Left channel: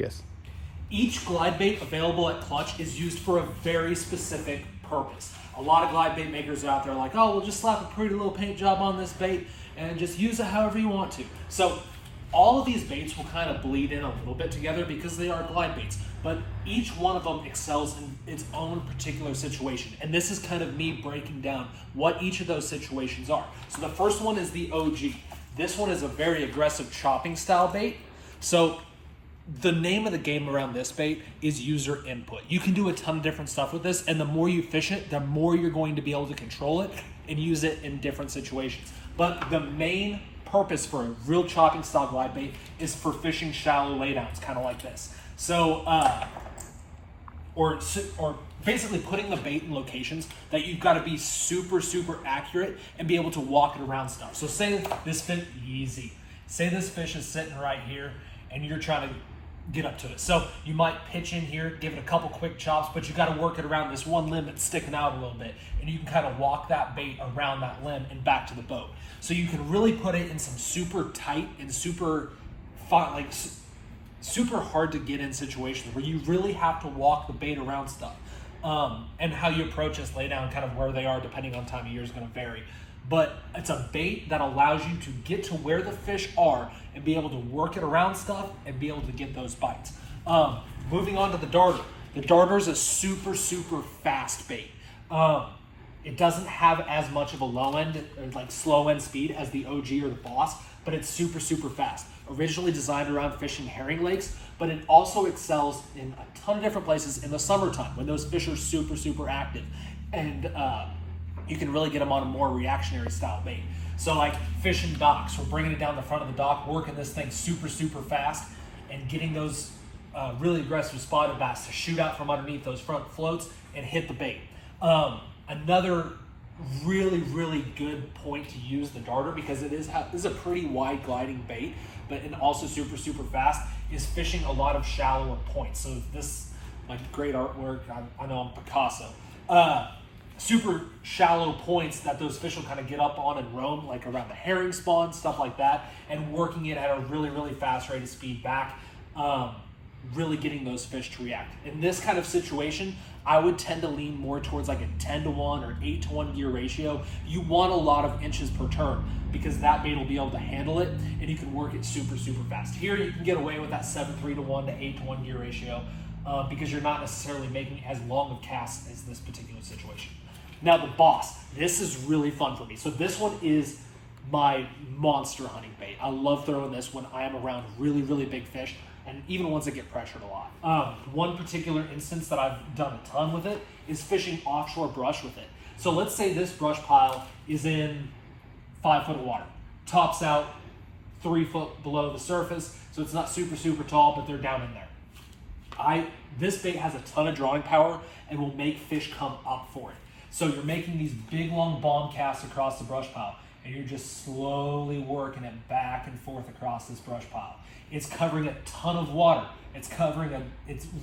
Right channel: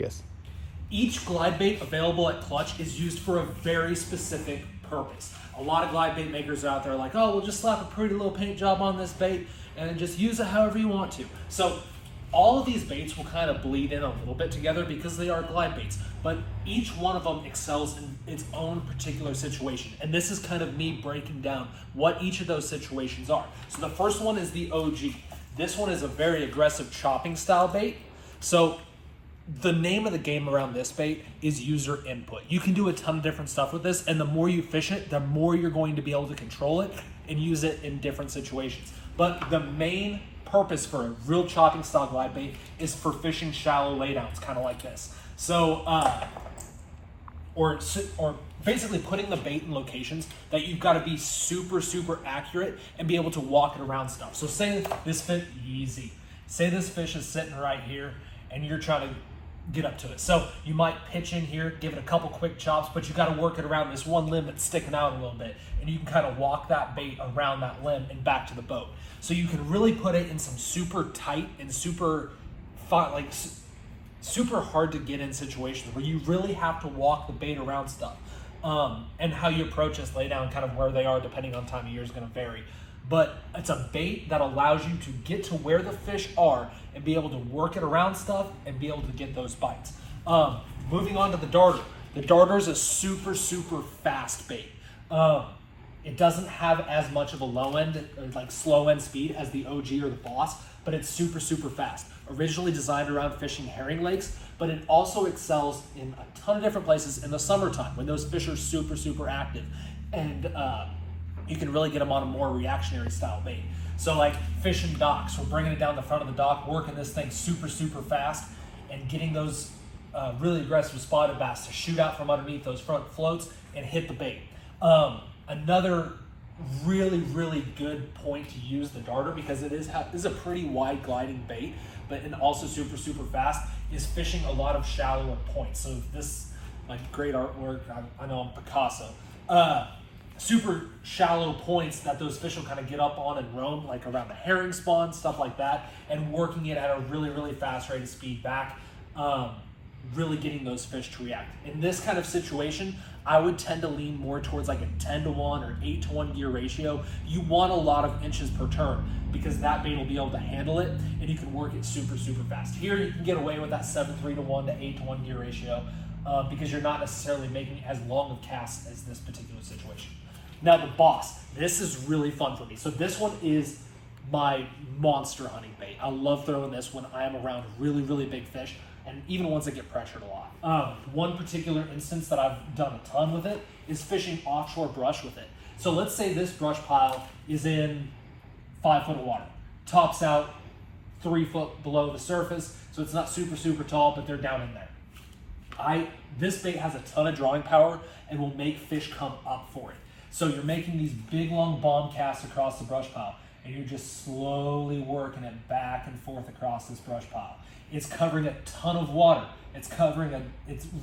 Yes. Each glide bait available at Clutch is used for a very specific purpose. A lot of glide bait makers out there are like, oh, we'll just slap a pretty little paint job on this bait and just use it however you want to. So all of these baits will kind of bleed in a little bit together because they are glide baits, but each one of them excels in its own particular situation. And this is kind of me breaking down what each of those situations are. So the first one is the OG. This one is a very aggressive chopping style bait. So the name of the game around this bait is user input. You can do a ton of different stuff with this, and the more you fish it, the more you're going to be able to control it and use it in different situations. But the main purpose for a real chopping style glide bait is for fishing shallow laydowns, kind of like this. So, or basically putting the bait in locations that you've got to be super, super accurate and be able to walk it around stuff. So say this fish, easy. Say this fish is sitting right here and you're trying to get up to it. So you might pitch in here, give it a couple quick chops, but you got to work it around this one limb that's sticking out a little bit, and you can kind of walk that bait around that limb and back to the boat. So you can really put it in some super tight and super fun, like super hard to get in situations where you really have to walk the bait around stuff. And how you approach this laydown, kind of where they are depending on time of year, is going to vary. But it's a bait that allows you to get to where the fish are and be able to work it around stuff and be able to get those bites. Moving on to the darter. The darter is a super, super fast bait. It doesn't have as much of a low end, or like slow end speed as the OG or the Boss, but it's super, super fast. Originally designed around fishing herring lakes, but it also excels in a ton of different places in the summertime when those fish are super, super active. And you can really get them on a more reactionary style bait. So like fishing docks, we're bringing it down the front of the dock, working this thing super, super fast, and getting those really aggressive spotted bass to shoot out from underneath those front floats and hit the bait. Another really, really good point to use the darter, because it is a pretty wide gliding bait, but and also super, super fast, is fishing a lot of shallower points. So this, like great artwork, I know I'm Picasso. Super shallow points that those fish will kind of get up on and roam, like around the herring spawn, stuff like that, and working it at a really, really fast rate of speed back, really getting those fish to react. In this kind of situation, I would tend to lean more towards like a 10-to-1 or 8-to-1 gear ratio. You want a lot of inches per turn because that bait will be able to handle it and you can work it super, super fast. Here you can get away with that 7-3-to-1 to 8-to-1 gear ratio because you're not necessarily making as long a cast as this particular situation. Now the Boss, this is really fun for me. So this one is my monster hunting bait. I love throwing this when I am around really, really big fish, and even ones that get pressured a lot. One particular instance that I've done a ton with it is fishing offshore brush with it. So let's say this brush pile is in 5 foot of water, tops out 3 foot below the surface, so it's not super, super tall, but they're down in there. This bait has a ton of drawing power and will make fish come up for it. So you're making these big long bomb casts across the brush pile, and you're just slowly working it back and forth across this brush pile. It's covering a ton of water. It's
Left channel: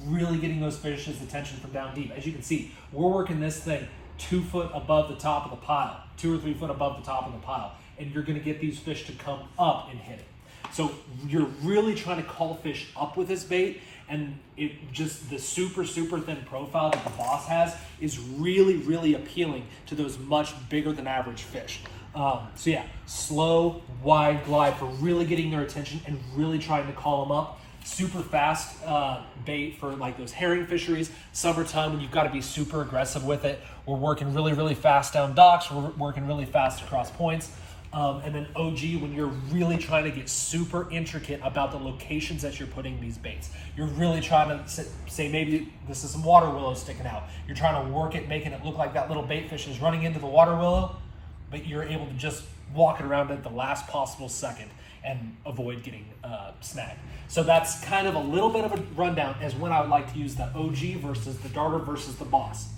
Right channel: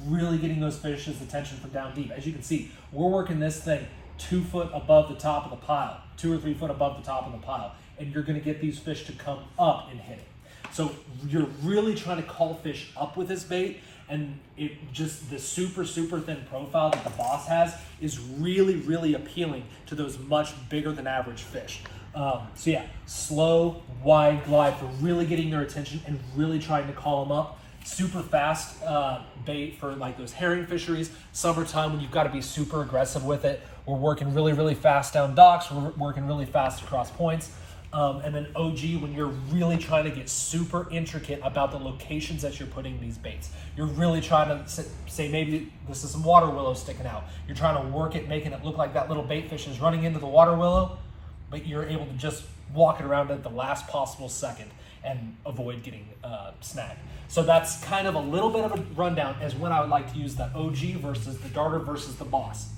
really getting those fish's attention from down deep. As you can see, we're working this thing 2 foot above the top of the pile, 2 or 3 foot above the top of the pile, and you're gonna get these fish to come up and hit it. So you're really trying to call fish up with this bait, and the super, super thin profile that the Boss has is really, really appealing to those much bigger than average fish. So yeah, slow, wide glide for really getting their attention and really trying to call them up. Super fast bait for like those herring fisheries. Summertime when you've got to be super aggressive with it. We're working really, really fast down docks. We're working really fast across points. And then OG when you're really trying to get super intricate about the locations that you're putting these baits. You're really trying to say maybe this is some water willow sticking out. You're trying to work it, making it look like that little bait fish is running into the water willow, but you're able to just walk it around at the last possible second and avoid getting snagged. So that's kind of a little bit of a rundown as when I would like to use the OG versus the darter versus the Boss.